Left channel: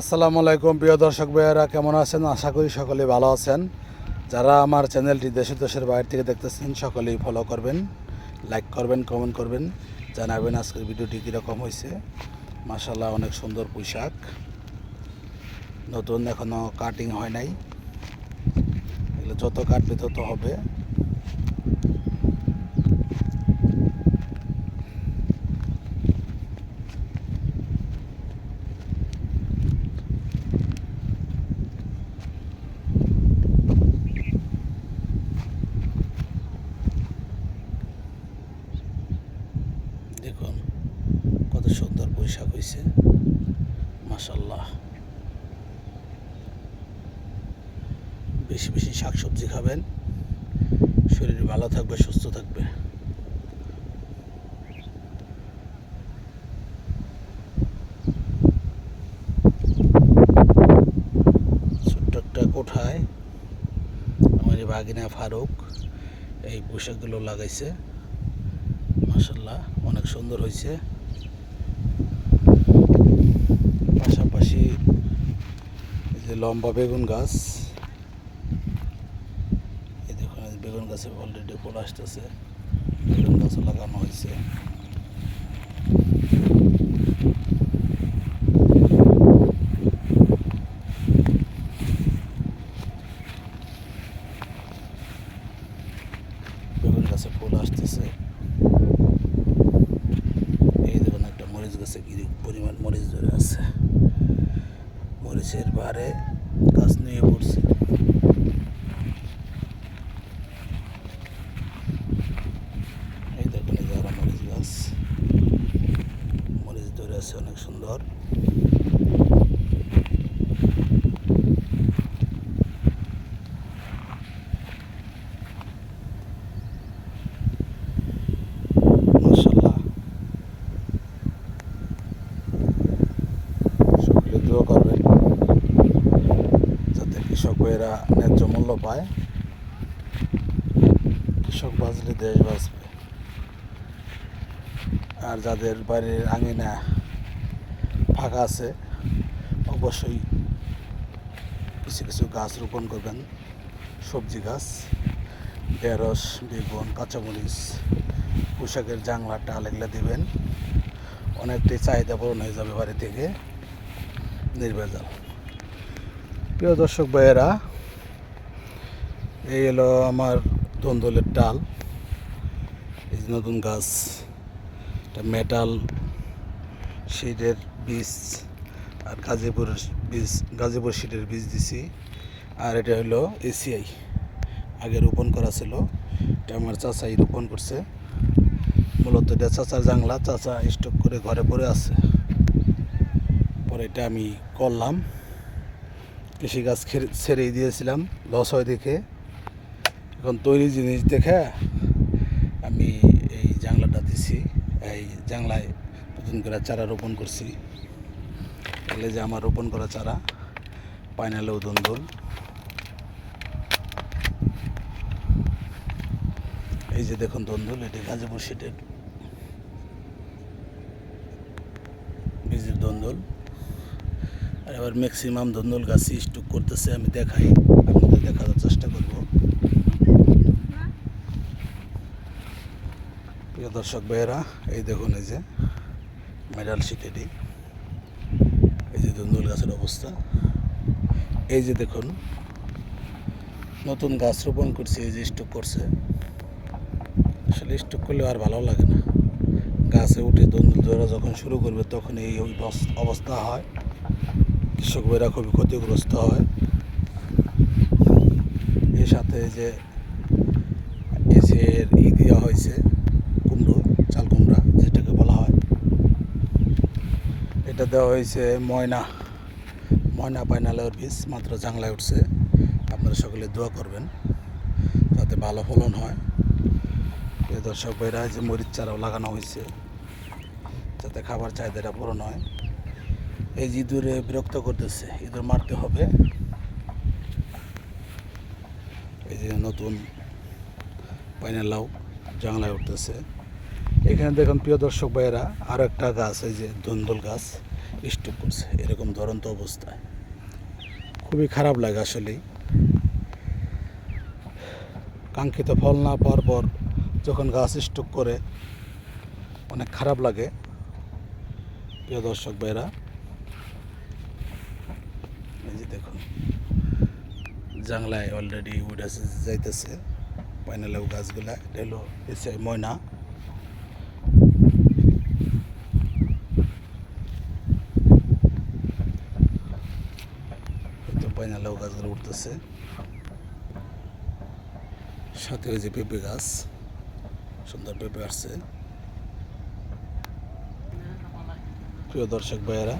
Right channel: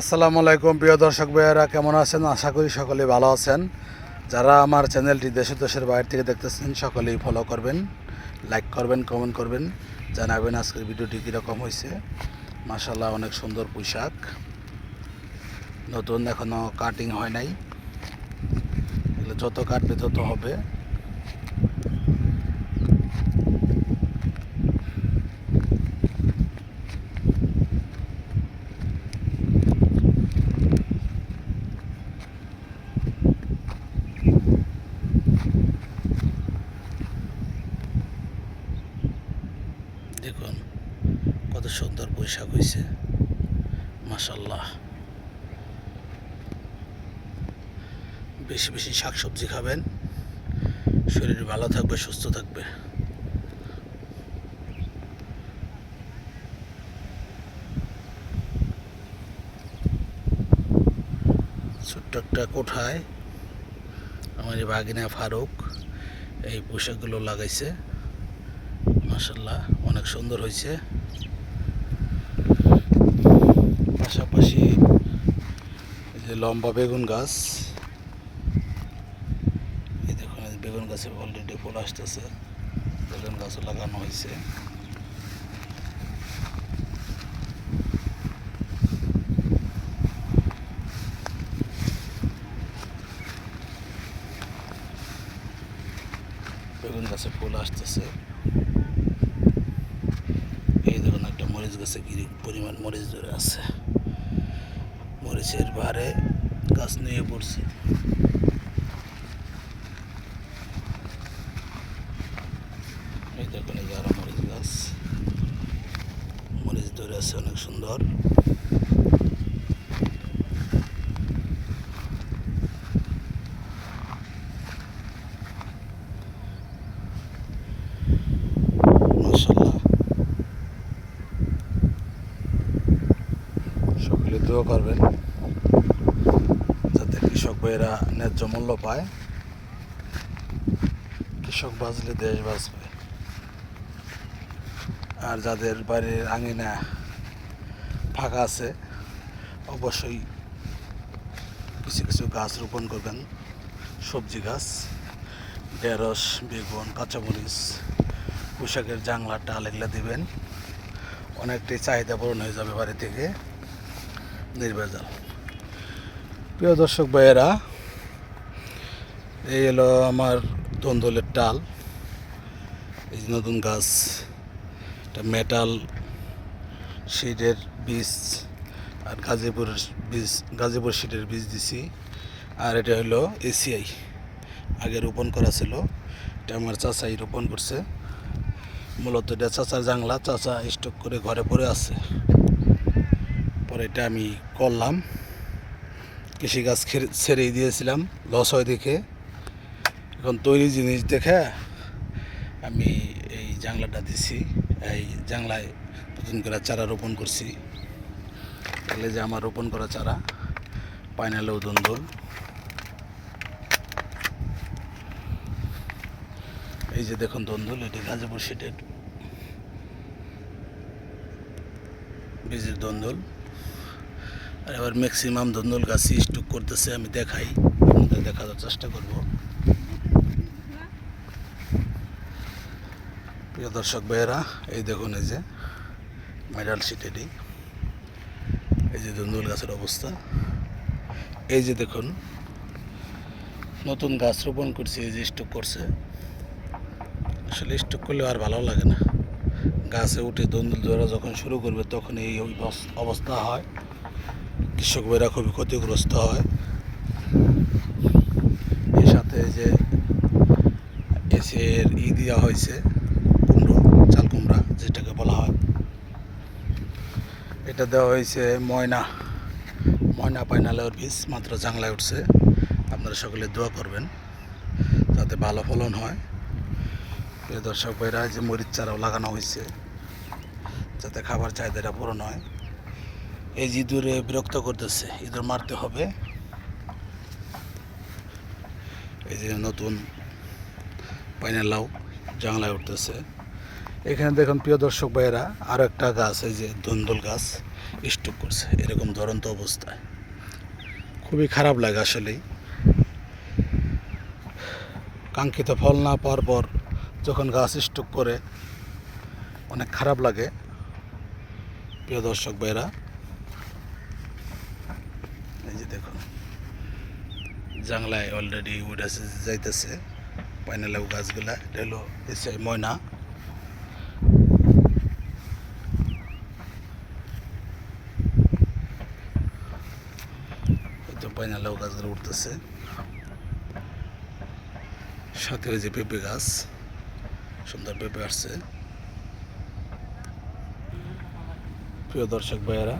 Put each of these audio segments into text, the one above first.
আসসালামু আলাইকুম প্রিয় দর্শক ভাইয়েরা, কেমন আছেন? আশা করি সকলেই ভালো আছেন। যারা আমার চ্যানেলটি দেশের বাইরে থেকে দেখতেছেন সকলেই ফলো করবেন, লাইক করবেন, কমেন্ট করবেন, জানাবেন আজকের ভিডিওটি কীরকম হয়েছে। মাশাআল্লাহ, অনেক সুন্দর পোশাক, নতুন, এখনও কাটিং হয় নাই। এগুলো যত কাটবে তত হবে। দেখুন কত সুন্দর পোশাক হয়েছে, মাশাআল্লাহ। বেশি বেশি শাকসবজি খাবেন, শরীর ভালো থাকবে, সুস্থ থাকবে। ছোট্ট একটা কোঠায় আমার এই ভাগিনা ফারুক এই পোশাকগুলো লাগাইছে। মাশাআল্লাহ, অনেক সুন্দর হয়েছে। পাশাপাশি এই যে লম্বা বেগুন গাছ, এই দেখুন বেগুন গাছে অলরেডি ফুল আসতেছে। বেগুন গাছও লাগানো হয়েছে। বেগুন গাছে ফুল আসতেছে। এই দেখুন একটা মরিচ গাছে কি পরিমাণ মরিচ ধরে আছে। মরিচের ভারে গাছ নিয়ে পড়ছে। এই দেখুন এই যে আরো মরিচ গাছ, মরিচ ধরে আছে অনেক সুন্দর। মাশাআল্লাহ, সকলে দোয়া করবেন যাতে কৃষক ভাইয়েরা ন্যায্য মূল্য পায়। কৃষক বাঁচলে দেশ বাঁচবে। আর যাদের বাড়ির আঙিনা ফাঁকা আছে অবশ্যই কিছু কিছু গাছ রোপণ করবেন। সবজি গাছ, ঢেঁড়স, বেগুন, কাঁচামরিচ, পোশাকের জাংলা, টাল এগুলো দেবেন। অনেকটাই চাহিদা পূরণ হয়ে যাবে বাড়ি থেকে নির্ভেজাল। প্রিয় দর্শক ভাইয়েরা, এই হলো আমার ধন্দলের ডাল। এই যে নতুন গাছ, এটা মেটাল শিটের বীজ আর গাজীপুরের বীজ, গাজীপুর শিটের বীজ দিছি। আর এটা হলো এসিআই, আগে রোপণ করা ছিল। এটা আমার চাচাই রোপণ করছে। মূলত এটা চাচার জাংলা, চাচা স্টক করে ঘরে পড়ে আছে। পরে এটা আমি করলাম, কৃষিকাজ ছেড়েই দিয়েছিলাম, লস হয় দেখে। এখন তৈরি জিনিস দেখে আমি এই জাংলাটা দিছি। এই জাংলায় নতুন করে চারা রোপণ করছি। এগুলো যে আমার রোপণ করা চারা, পাইনালেও ধন্দুল। এই যে দেখুন ধন্দুল, এটি গাজীপুর শিটের বীজের ধন্দুল। আর এবার ম্যাক্সিমাম ধন্দুল গাছই স্টক করতেছে, আমি দেখাই, আপনাদের দেখানোর চেষ্টা করব। প্রিয় দর্শক ভাইয়েরা, এই দেখুন এই যে মেডাল শিটেরই এই যে ধন্দুল গাছের অবস্থা। এই যে দেখুন নতুন গাছ রোপণ করছে, এই যে স্টক করছে। আসলে স্টক করলে আর ভালো লাগে না। গাছে উঠে ধন্দুল ধরা যখন শুরু করবে তখন এই অবস্থা হয়। কৃষক ভাইরা খুবই ক্ষতিগ্রস্ত হয়। এর সাথে যে এসের দেওয়া হয়েছে কুমড়ো, চাল কুমড়া যেটাকে বলা হয়, এটা দেওয়া হয়েছে ময়না পাইনালের বীজ, মাত্র জাংলায় উঠছে। আপনারা সকলে দোয়া করবেন যাতে ভালো ফলন হয়। এই দর্শক ভাইরা, যে মরিচ চারাও লাগানো হয়েছে যাতে খাবার চাহিদাটা পূরণ হয়। এই যে ইঁদুরে বিরক্ত করতেছে, ইঁদুর মারতে হবে। এই যে নতুন পাইনালাও জাংলায় উঠতেছে। এখানে দেখুন প্রিয় দর্শক ভাইয়েরা, আরও একটা গাছ, এই যে ধন্দুল গাছ, স্ট্রোক করছে এরকম ধরন্ত অবস্থায়। খুবই খারাপ লাগে আসলেই, কাঙ্ক্ষিত ফল না পাওয়ার পর যখন গাছ স্ট্রোক করে অনেক খারাপ লাগে। প্রিয় দর্শক ভাইরা, এই যে দেখুন জাংলায় অলরেডি উঠে যাইতেছে পাইনালেও গাছগুলা। এটা হলো এসে ময়না। পাইনালেও গাছগুলো উঠতেছে, সাথে ওই যে পেঁপে গাছ, সুন্দর পেঁপে আসছে। প্রিয় দর্শক ভাইয়েরা,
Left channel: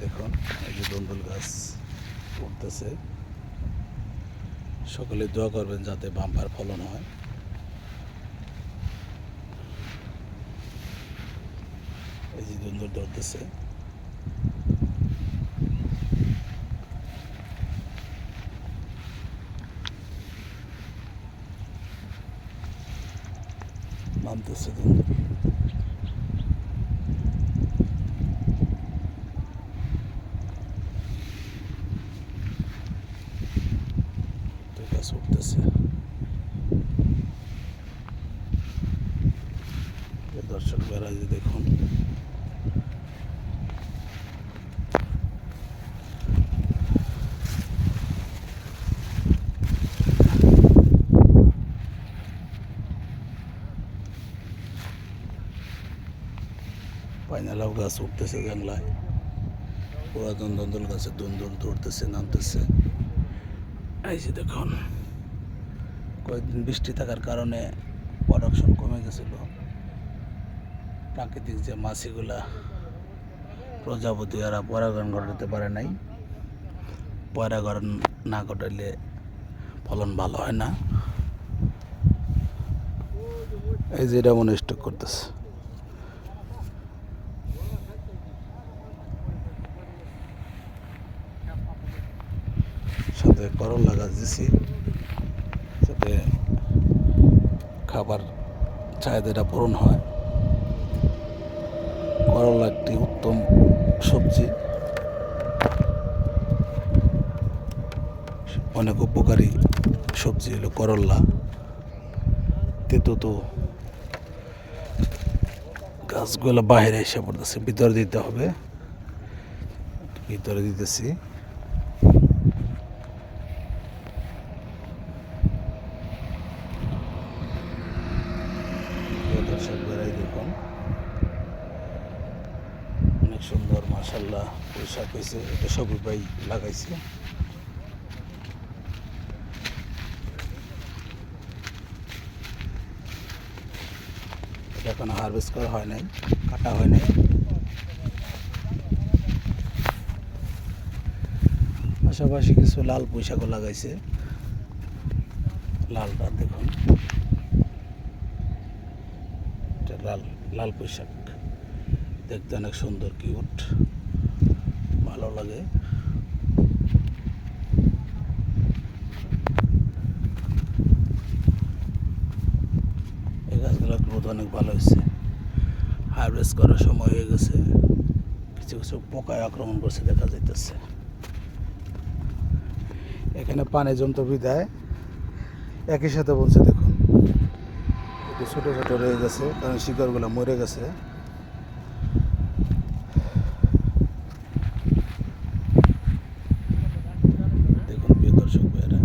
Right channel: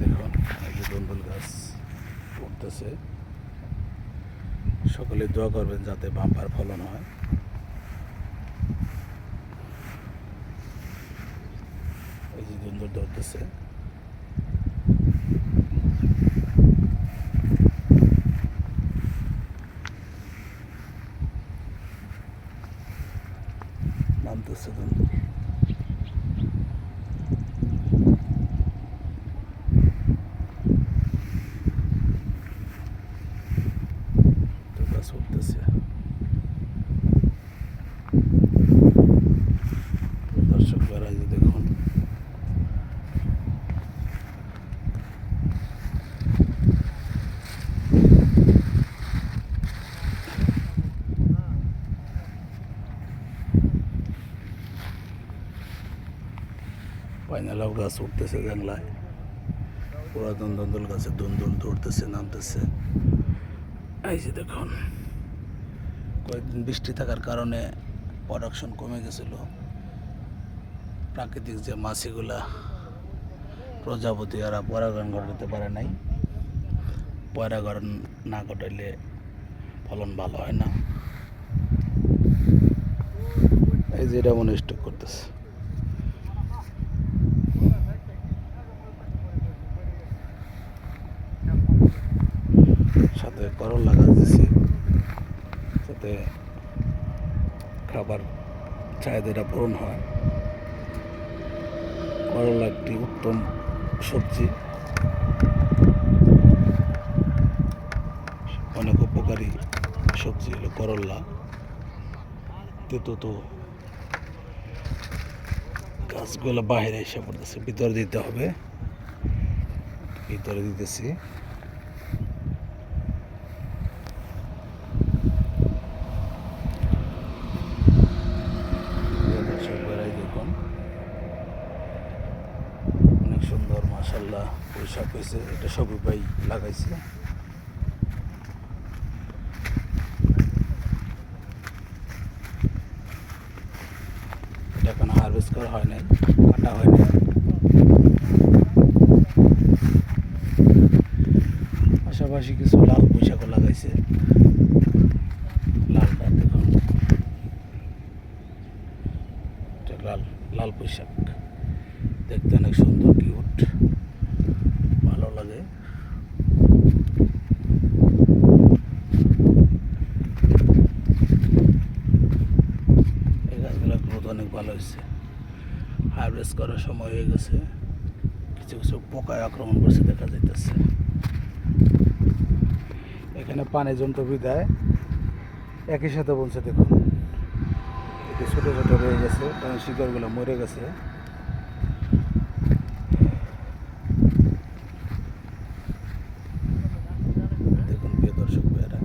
দেখুন এই যে দন্দুল গাছ উঠতেছে। সকলে দোয়া করবেন যাতে বাম্পার ফলন হয়। এই যে দন্দুল ধরতেছে। নামতেছে দন্দুল। তো গাছ উঠতেছে। দর্শক ভাইরা, যে দেখুন পাইনালাও গাছ উঠতেছে জাংলায়। পুরাতন দন্দুল গাছে দন্দুল ধরতেছে, নামতেছে। এই যে দেখুন কয়েকদিন বৃষ্টি থাকার কারণে প্রোডাকশন কমে গেছিল। প্রাকৃতিক যে মাছিগুলা প্রজাপতি এরা পরাগায়ন ঘটাতে পারে নাই। পরাগায়ন না ঘটাইলে ফলন ভালো হয় না। এই যে এটা মনে স্টক করতেছে। সাথে করলা গাছ দিছি, যাতে খাবার চাহিদাটা পূরণ হয়। করলা একটি উত্তম সবজি, অনেক উপকারী সবজি হলো করলা। তেতো তো গাছগুলো বাইরে এসে পড়তেছে, ভিতরে দিতে হবে, ভিতরে দিতেছি। দর্শক বেড়াই দেখুন অনেক সুন্দর মাশাআল্লাহ পোশাক হয়েছে। এটা সবুজ ভাই লাগাইছে। এটা এখন হারভেস্ট করা হয় নাই, কাটা হয় নাই। পাশাপাশি কিছু লাল পোশাকও লাগাইছে। লালটা দেখুন, এটা লাল লাল পোশাক, দেখতে অনেক সুন্দর, কিউট, ভালো লাগে। এই গাছগুলোর গ্রোথ অনেক ভালো হয়েছে। হারভেস্ট করার সময় হয়ে গেছে, কিছু কিছু পোকায় আক্রমণ করছে দেখা যাইতেছে। এখানে পানি জমতে বিদায় একই সাথে বলছে দেখুন একটু ছোটো ছোটো রয়ে গেছে, কারণ শিকড়গুলো মরে গেছে। দেখুন প্রিয় দর্শক ভাইয়েরা,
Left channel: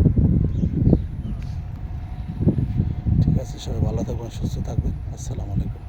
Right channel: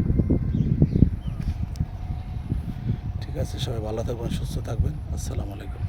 ঠিক আছে, সবাই ভালো থাকবেন, সুস্থ থাকবেন। আসসালামু আলাইকুম।